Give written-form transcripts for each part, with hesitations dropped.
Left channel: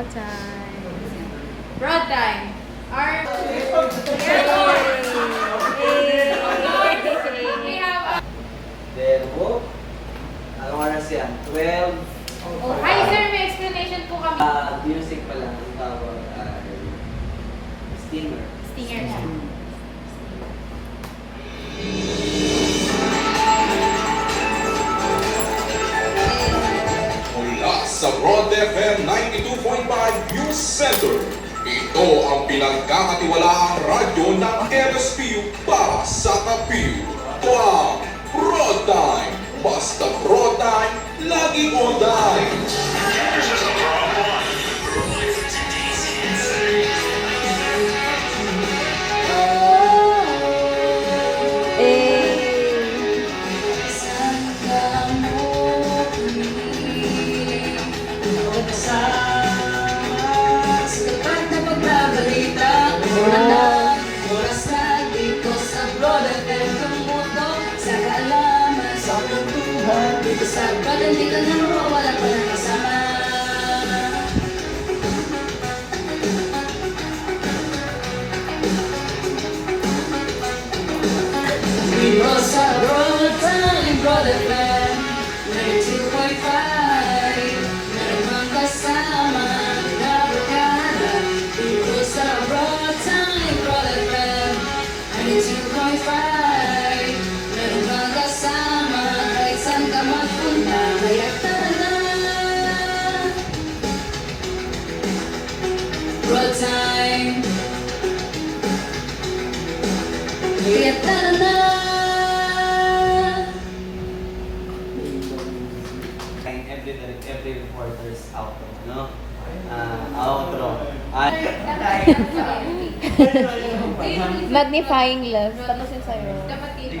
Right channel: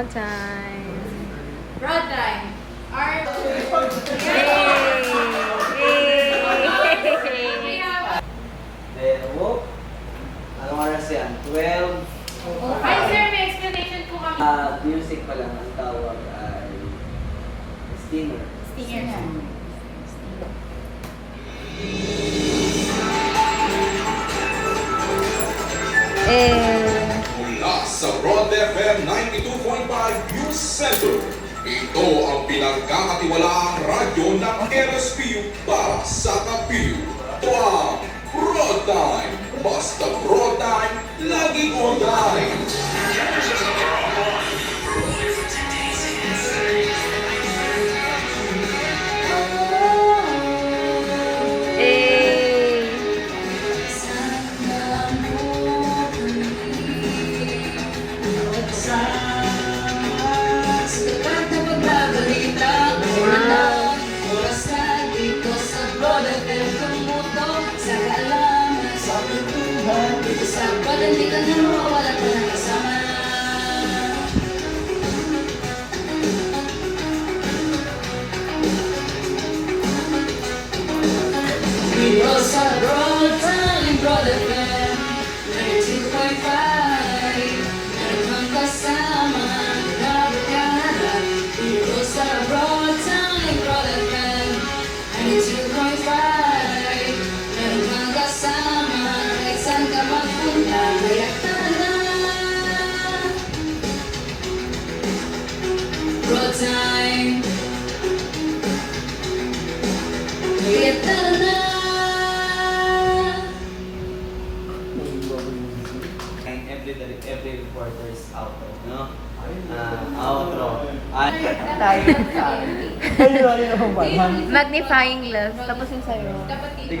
Broad time. Broad time. Our... Then, whoop. Anong oras yan? 12. Oh, hi sir, may explanation po kami. Music pa lang ang tawag ay steamer. Stinger na. Mula sa Broad FM 92.5 News Center, ito ang pinagkakatiwalaang radyo ng MSPU para sa Kapiu. Ito ang Broad Time. Basta Broad Time, laging on time. Sa palandigan na wala pa ng kasama. Dito sa Broad Time, Broad FM 92.5, meron kang kasama na barkada. Dito sa Broad Time, Broad FM 92.5, meron kang kasama kahit saan ka magpunta. Kaya tara, Broad Time. Kaya tara na. Every reporter's outro, no? Outro. Magnifying glass. Tapos yung sa'yo. Dapat dito.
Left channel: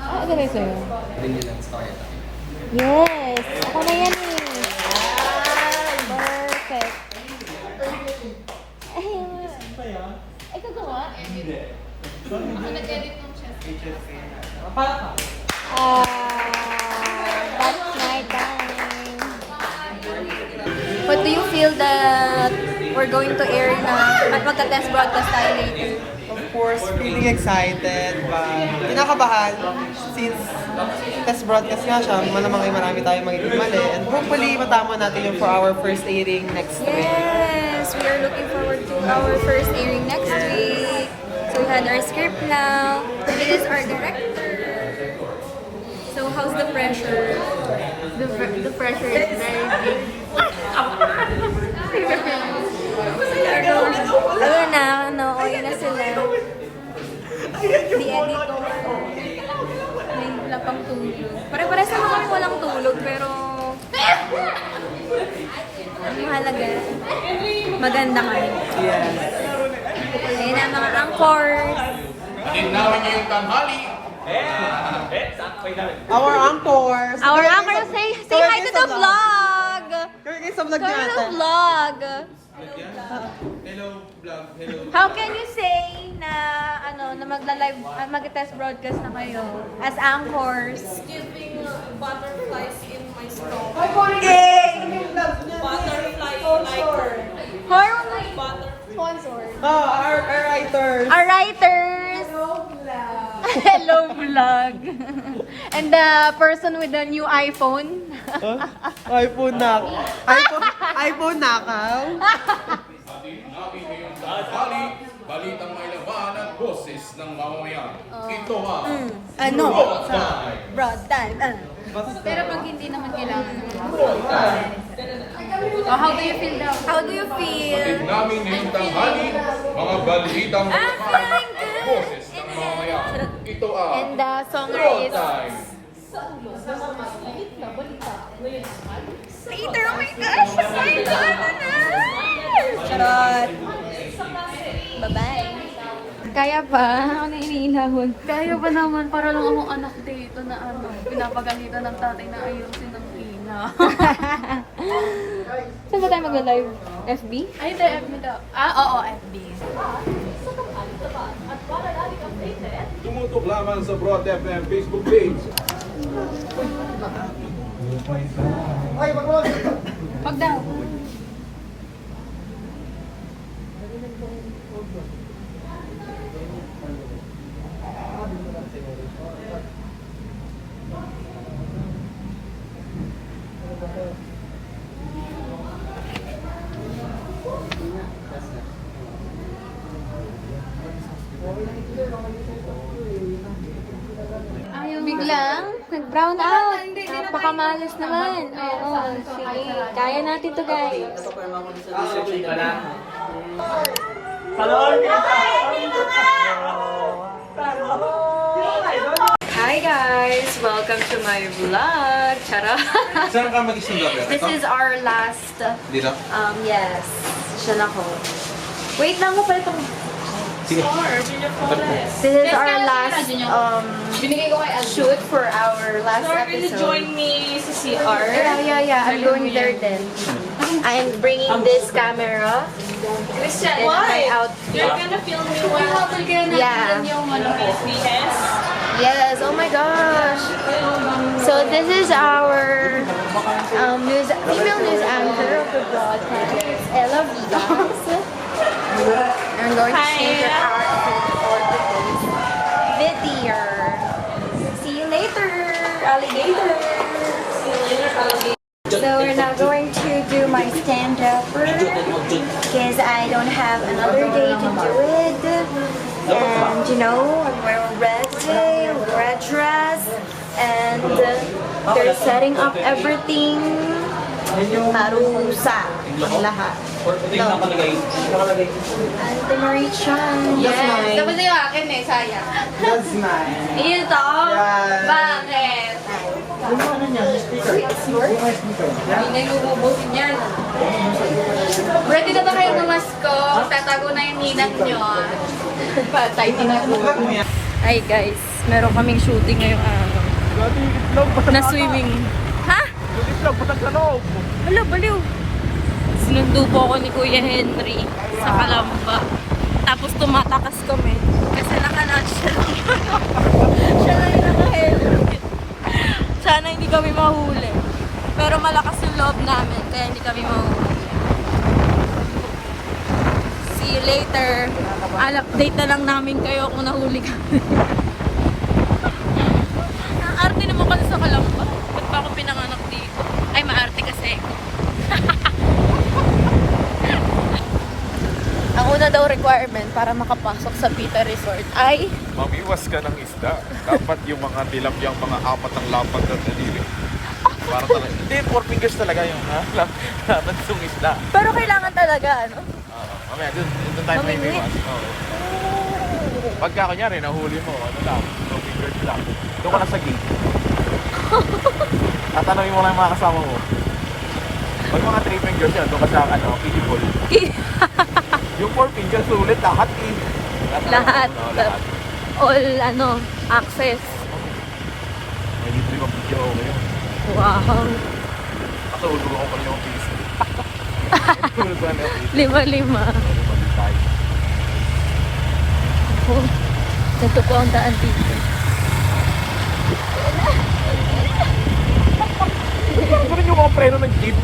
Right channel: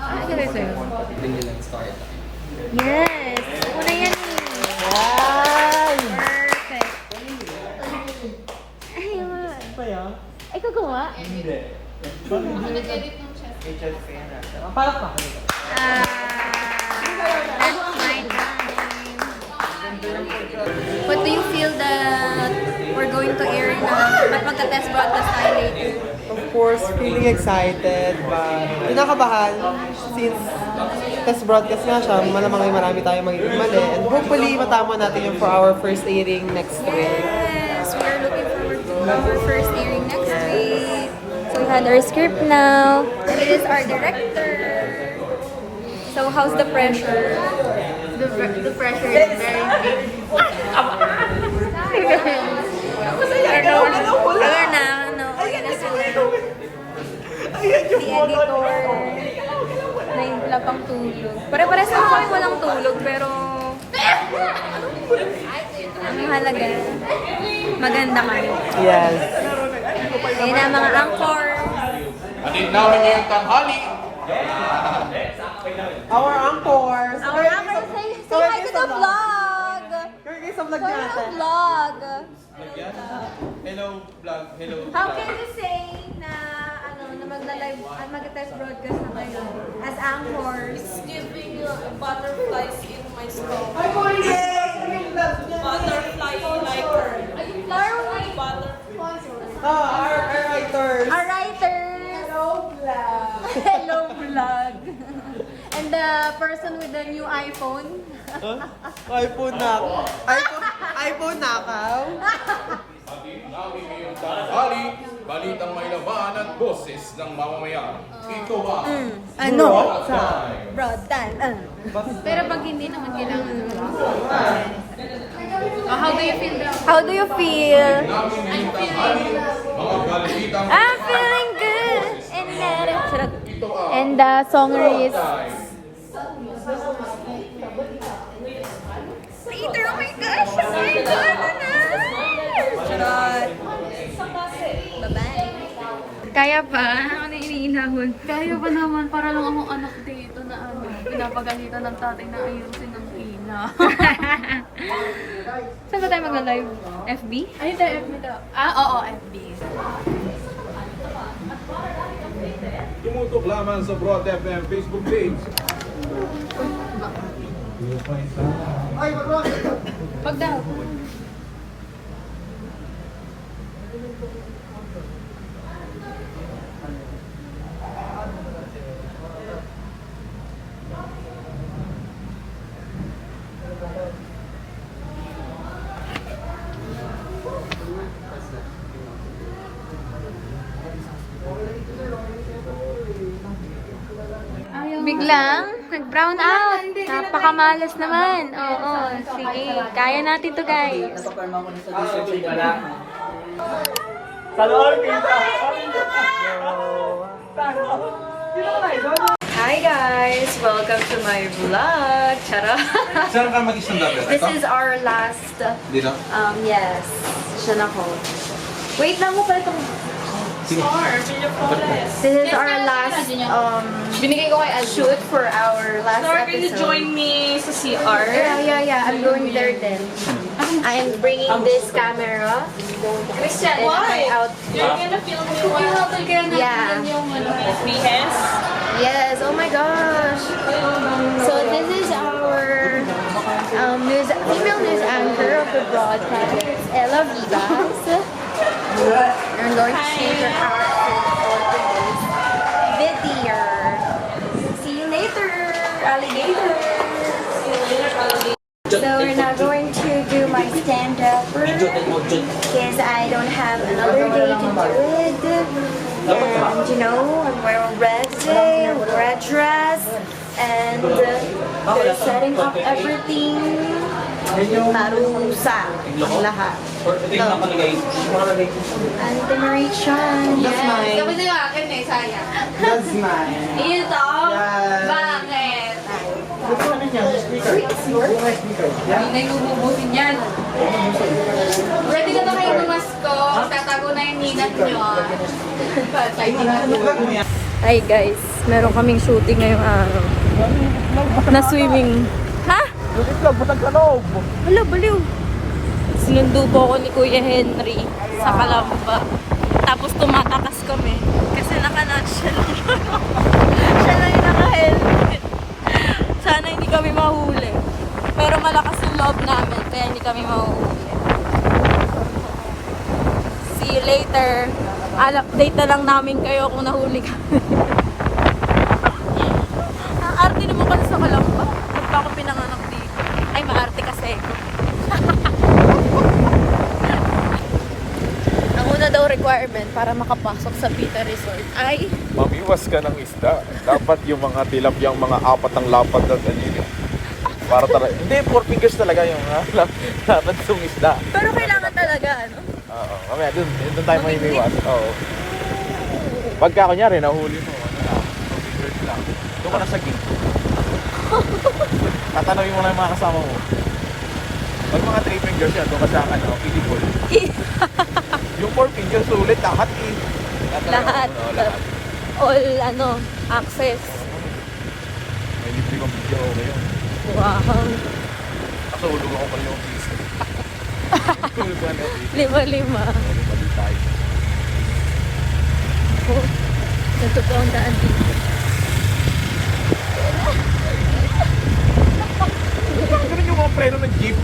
Ito na sa'yo. Tingin lang story ito. Yes! Ako na yan eh. Perfect. Ayun. Ikaw gawa? Ako nag-edit ng chest. That's my time. What do you feel that we're going to air na at magka-test broadcast tayo later? Of course, feeling excited, but kinakabahan since test broadcast nga siya, malamang ay marami tayong magiging mali, and hopefully matama natin yung for our first airing next week. Yes! We are looking forward to our first airing next week. So we had our script now. He is our director. So how's the pressure? The pressure is very big. Wala na, okay na sila. The editor. Wala pang tulog. Pare-pares naman kami walang tulog, pero ang mahalaga, maganda kami. Yes. Ayan na ang mga anchors. Our anchors! Our anchors, say hi to the vlog! Kaya guys, sa vlog Come niya to the vlog! Hello, vlog. Hello. How can you say na na magla-live, mag-test broadcast na kayo as anchors? Giving butterflies in my stomach. Yay! Butterfly like For butter. Our writers. our writers! Hello vlog! And the person with the new iPhone? iPhone na ako. iPhone na ka. Balitang may laban at boses ng mamamayan. Ito ang Ano? Broad Time. Broad time. Pero pag hindi naman kailangan How do you feel now? How do you feel? Naming tanghali, mga balitang I'm feeling good. And the songer is later. Oh my gosh! Oh my God! Charot! Bye-bye! Kaya pa? Ako na iniinahon. Kaya pa naman, para lang akong anak dito na pinapagalitan ng tatay na ayusin ng ina. Saan ba tayo magla-live? FB? Ay, tayo FB daw. Oo, FB. Tumutok lamang sa Broad FM Facebook page. Pag daw. lang? Nag-brown out. Napakamalas naman. Oo, sige. Kaya natin to, guys. Hi guys! Welcome to my vlog. Charot! Saan ka mag-stand up? This is our last, Dito? yes. Siya na ko. Wait lang mo pala itong... Sige. This is our last, Binigay ko kay shoot for our last Sir, can you episode. join me sa CR? Yeah. I'm going there then. I'm bringing this camera. Christian, And why? my outfit. You're gonna film me while Yeah. yung BS? Yes, oh my gosh. So this is our female news anchor of the broadcast, Ella Vivas. I'm going to change her outfit for today's video. See you later, alligator. So we're now going to do my stand-up because I don't have another day to do it. And you know, I'm wearing red today, red dress, and they're setting up everything. Marusa ang lahat. Ante Marie Chan. Yes. Tapos yung akin eh, sayang. That's mine. Ito? Yes. Bakit? Yeah. Hindi na iububusin yan. Ready na ba kayo mamasko? Tatago na yung ninat nyo. Patay din ako. Hi guys, meron kaming shooting ngayong araw. Na swimming. Ha? Hala, baliw. Sinundo po ako ni Kuya Henry sa Kalamba. Tapos tumatakas kami. Kasi naka-nutshell. Siya na yung naka-helmet. Sana hindi kami mahuli. Pero malakas yung loob namin, kaya hindi kami mahuli. See you later. Update na lang namin kayo kung nahuli kami. Ang arte naman kasi sa Kalamba. Ba't pa ako pinanganak dito? Ay, maarte kasi ako. Ang una daw requirement para makapasok sa Pita Resort ay Mamiwas ka ng isda. Dapat yung mga tilapiyang mga apat ang lapad na dalili. Para talaga. Hindi, 4 fingers talaga yung lapad yung isda. pero kailangan talaga, ano? Oo. Mamaya, dun tayo mamiwas. Oo. Pagka kunyari, nahuli mo. Doon ka na sa gate. Tatanungin mo lang yung mga kasama mo. Pag mga 3 fingers yan, doon ka sa piggy ball. Yung 4 fingers, sulit lahat eh. Lahat. Lahat. All, access. May libre kong video okay yun. Wow. Kaso ulog ako pala yung pizza. Lima-lima. Balik tayo. Ito po ang daan dito. Uy, parang ganun yung mga preno ng jeep.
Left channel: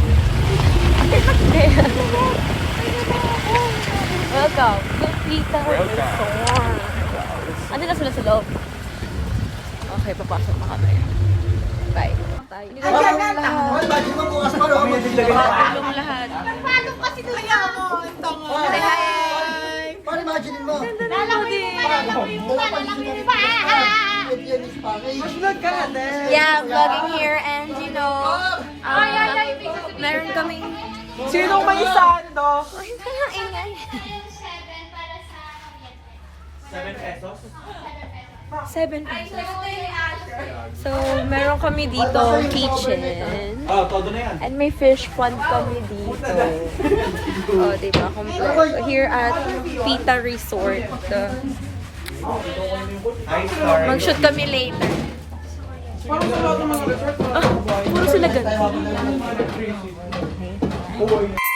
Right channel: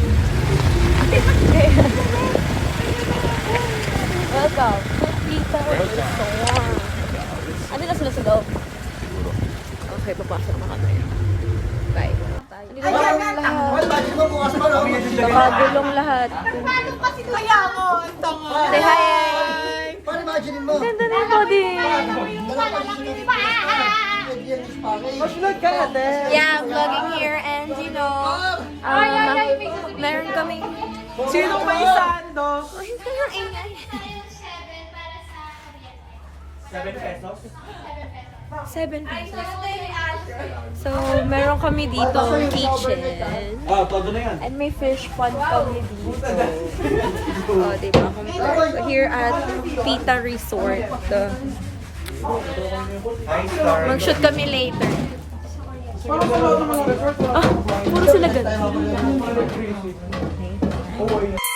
Ano na sila sa loob? Okay, papasok na kami. Bye. Gulong lahat. Hi! Ganda ng body. Yeah, vlogging here and you know, meron kami. Sinong may sando? Ay, ang ingay. 7 pesos. So, meron kami dito kitchen. And may fish pond kami dito. Oh, diba? Kompleto. Here at Pita Resort. Mag-shoot kami later. Ah, puro sila ganun. Okay.